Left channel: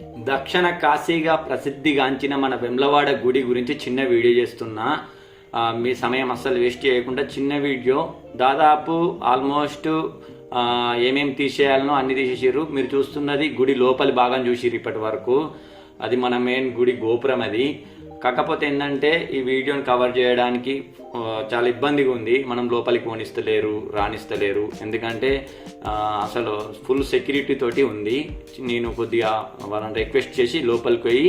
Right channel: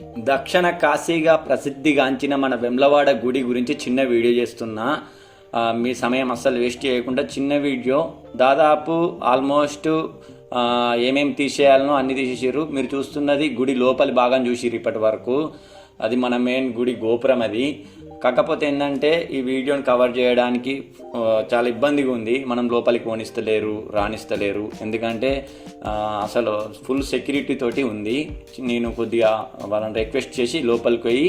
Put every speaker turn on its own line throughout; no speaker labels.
దక్షిణ కాశీగా ప్రసిద్ధిగాంచిన మన వెమ్లవాడ గుడి గురించి చిన్న వీడియో చేస్తున్నా. మీ సమయం అస్సలు వేస్ట్ చేయకుండా చిన్న వీడియో. దాదాపు ఆల్మోస్ట్ ఏమేమి తీసేయాలనో అన్ని తీసేసారు మీరు చూస్తున్నది గుడి లోపలి భాగం చూసిరు ఇప్పటి వరకు. అది మన మెయిన్ గుడి గోపురం అది. కాకపోతే ఏంటంటే ఈ వీడియోని కవర్ చేయడానికి చాలా ఇబ్బందిగా ఉంది. మనం లోపలికి పోనిస్తలేరు రాణిస్తలేరు ఎందుకంటే అసలు ఫుల్ సెక్యూరిటీ తోటి ఉంది. నేను కొద్దిగా వాళ్ళని రిక్వెస్ట్ చేసి లోపలికి పోయి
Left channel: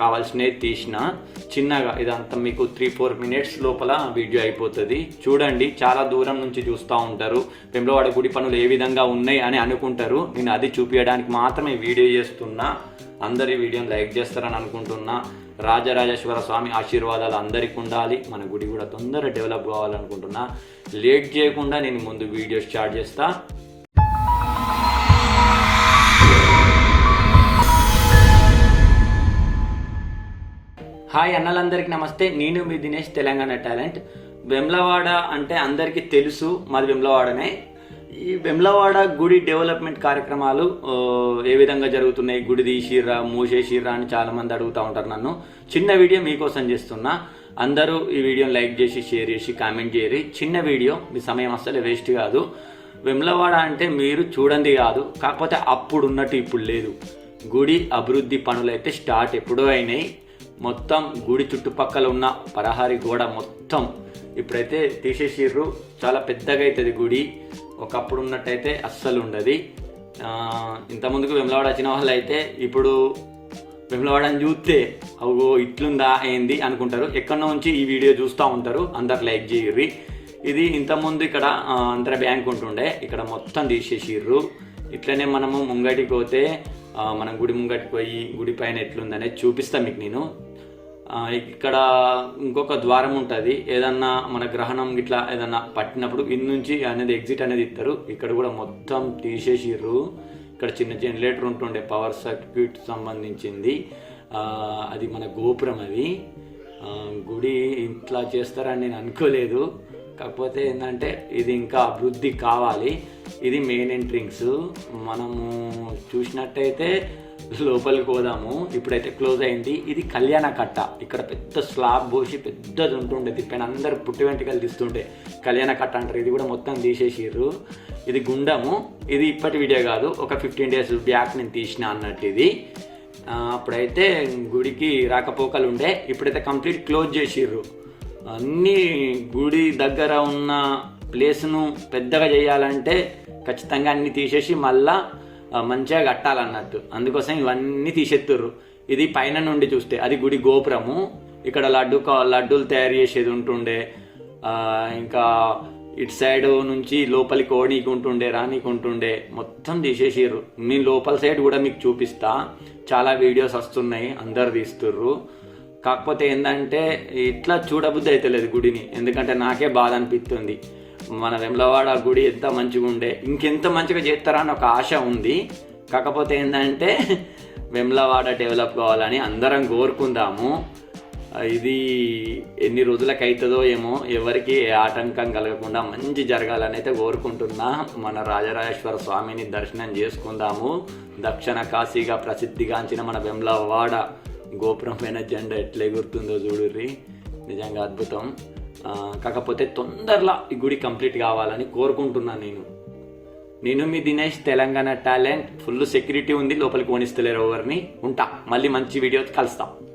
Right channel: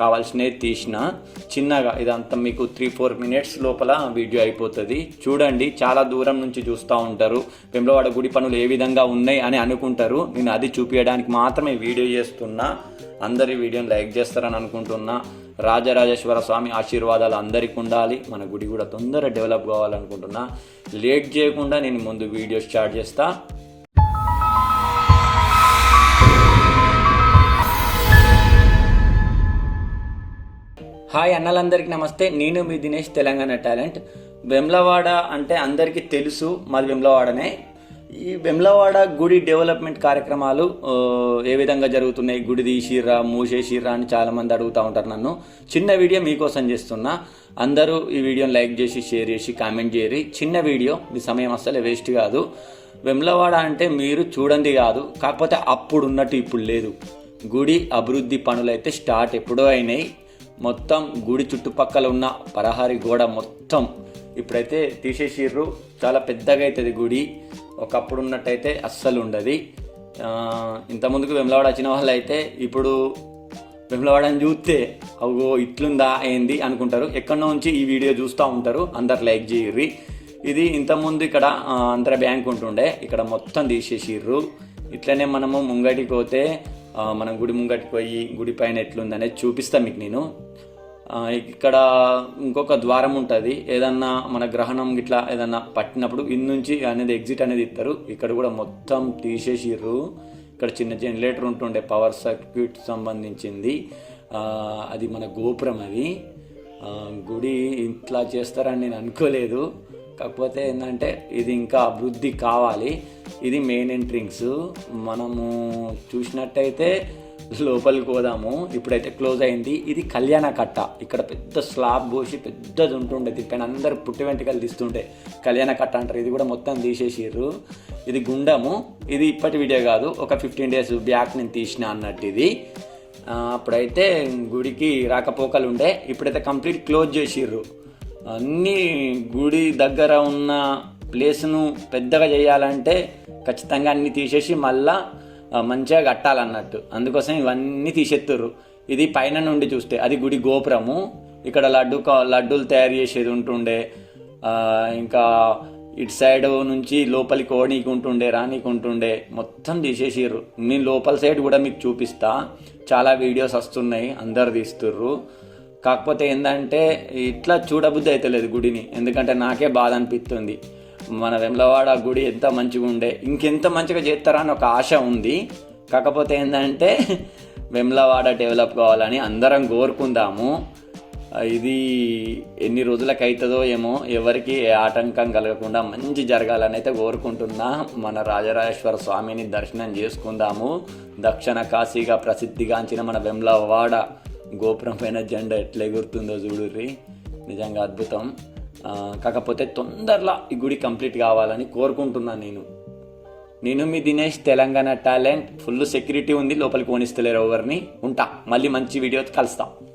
కావాల్సినవి తీసిన. చిన్నగా ఇదంతా మీకు త్రీ ఫోర్ మినిట్స్ లోపల వీడియో అయిపోతుంది. చూడండి చాలా దూరం నుంచి చూస్తూ ఉంటారు. వెంబలవాడ గుడి పనులు ఏ విధంగా ఉన్నాయి అని అనుకుంటారు. నేను అది చూపించడానికి మాత్రమే వీడియో చేస్తున్నా. అందరి వీడియోని లైక్ చేస్తారని అనుకుంటున్నా. రాజరాజేశ్వర స్వామి ఆశీర్వాదాలు అందరికీ ఉండాలి. మన గుడి కూడా తొందరగా డెవలప్ కావాలనుకుంటున్నా. లేట్ చేయకుండా నేను ముందు వీడియో స్టార్ట్ చేస్తా. హాయ్ అన్నలందరికీ నమస్తే. నేను మీ దినేష్ తెలంగాణ టాలెంట్. వెమ్లవాడ అంటే అందరికీ తెలుసు. మాది వెమ్లవాడనే. ఈ వెమ్లవాడ గుడి డెవలప్మెంట్ కార్యక్రమాలు ఏ విధంగా జరుగుతున్నాయి? గుడి తీసిర్రా మూసేసిర్రా అని చాలామంది అడుగుతూ ఉంటారు నన్ను. చిన్న వీడియో మీకోసం చేస్తున్నా. అందరూ ఈ వీడియోని లైక్ చేసి షేర్ చేసి కామెంట్ చేయరి. చిన్న వీడియో మీ సమయం అస్సలు వేస్ట్ కాదు. వెమ్లవాడ అంటే మీరు చూడండి కాదు. కాకపోతే అప్పుడు ఉన్నట్టు ఇప్పుడు లేదు. గుడి అభివృద్ధి పనులు అయితే స్టార్ట్ ఎప్పుడో అయినాయి. మొత్తం గుడి చుట్టుపక్కల ఉన్న పరహారి గోడ మొత్తం ఇప్పుడైతే తీసేసిర్రు. చాలా పెద్దగా అవుతుంది గుడి. ఒకప్పుడు ఉన్నట్టయితే అస్సలు ఉండదు ఇంత ముందుకు వెమ్లవాడ వచ్చిన వాళ్ళు అయితే ఇప్పుడు వెమ్లవాడని చూస్తే అవో ఇట్లుందా ఏంది అనుకుంటారు. ఎక్కడి నుంచి ఈ వీడియో చూస్తూ ఉంటారు. అందరు లైక్ చేయర్రి. ఇది ఇంతకుముందు ఇక్కడ ఆ, ఆంధ్ర బ్యాంక్ ఉంటుండే. ఇక్కడ మొత్తం తీసేసిర్రు. ఇట్లనే మనము ముంగటికి పోతే మనం గుడి ముంగటికి పోయి గుడి పైన ఎట్లుందనేది చూపిస్తాను మీకు నేను. ఇక్కడ ఇంకొక ద్వారం ఉంటుంది. ఏదన్నా మన గ్రహణం ఇట్లా ఏదన్నా పట్టినప్పుడు ఇన్ నుంచి అనేది ఎగ్జిట్ అనేది ఇస్తారు ఇక్కడ కూడా మొత్తం తీసేసిర్రు. ఇక్కడ చిన్న జనరేటర్ ఉంటుండే పవర్ సర్క్యూట్ సంబంధించింది. అది మన గోపురం అది. గుడి ఇట్లా చేస్తారని నేను అనుకోలేదు. కాకపోతే ఏంటంటే ఇది ఇంకా అభివృద్ధి కావాలి. ఇది మెయిన్ ఎంట్రింగ్స్ మనము చూసినట్టయితే లోపలికి పోదాము. ఇప్పుడైతే క్లోజ్ అయింది. ఇది కళ్యాణ కట్ట. ఇక్కడ పెద్ద స్లాబ్ పోసి పెద్దది ఉంటుండే దీనిపైన అందరు పుట్టి వెంట్రుకలు తీస్తుండే కళ్యాణ కట్ట అంటారు. ఇది కూడా మొత్తం తీసేసిర్రు. ఇది గుండము. ఇది ఇప్పటి వీడియో కాదు. ఒక ఫిఫ్టీన్ డేస్ బ్యాక్ నేను తీసిన అన్నట్టు ఇది. అప్పుడైతే గుడికి రాకపోకలు ఉండే ఇప్పుడైతే కంప్లీట్ క్లోజ్ చేసిర్రు. అన్ని గుడి దగ్గర ఉన్న ప్లేస్ను పెద్దగా చేయాలంటే ఖచ్చితంగా అన్ని తీసేసి మళ్ళీ మంచిగా కట్టాలన్నట్టు. అందుకోసం ఇవన్నీ తీసేత్తుర్రు. ఇది పైన నుండి చూస్తే అది గుడి గోపురము. ఇక్కడ లడ్డు కా- లడ్డూలు తయారు చేసేది ఉంటుండే. ఇంకా ఇటు సైడ్ నుంచి లోపలికి ఓనీకి ఉంటుండే రానీకి ఉంటుండే మొత్తం తీసేసిర్రు. నేను లోపల సైడ్ కూడా మీకు చూపిస్తా. చాలా వీడియోస్ వస్తున్నాయి అందరు తీస్తుర్రు. కాకపోతే ఏంటంటే ఇట్లా చూడబుద్ధి అయితే లేదు గుడిని. ఎందుకంటే నాకే బాధ అనిపిస్తుంది మన వెమ్లవాడ గుడి ఎంత మంచిగా ఉండే ఇంకెంత మంచిగా చేస్తారా అని ఒక ఆశ ఉంది. కాకపోతే ఏంటంటే వెమ్లవాడ డెవలప్ కావాలని అందరం కోరుకుందాము. ఇది ఎన్ని రోజులకు అవుతుందో ఏమో ఎవరికి ఏ ఆటంకం కలగకుండా మంచి జరగాలని అయితే కోరుకుంటున్నా. మన రాజరాజేశ్వర స్వామిని దర్శనం చేసుకుందాము. దక్షిణ కాశీగా ప్రసిద్ధిగాంచిన మన వెమ్లవాడ గోపురం పైన జెండా ఎట్లా ఎగురుతుందో చూడుర్రి. నిజంగా అద్భుతం. కాకపోతే తొందరలో ఈ గుడి కంప్లీట్ కావాలని కోరుకుంటున్నాను నేను. నేను మీ Dinesh Telangana talent full security ఉంది లోపలికి ఓనిస్తలేరు ఎవరిని. ఉంటా మళ్ళీ మంచి వీడియో కలుస్తాం.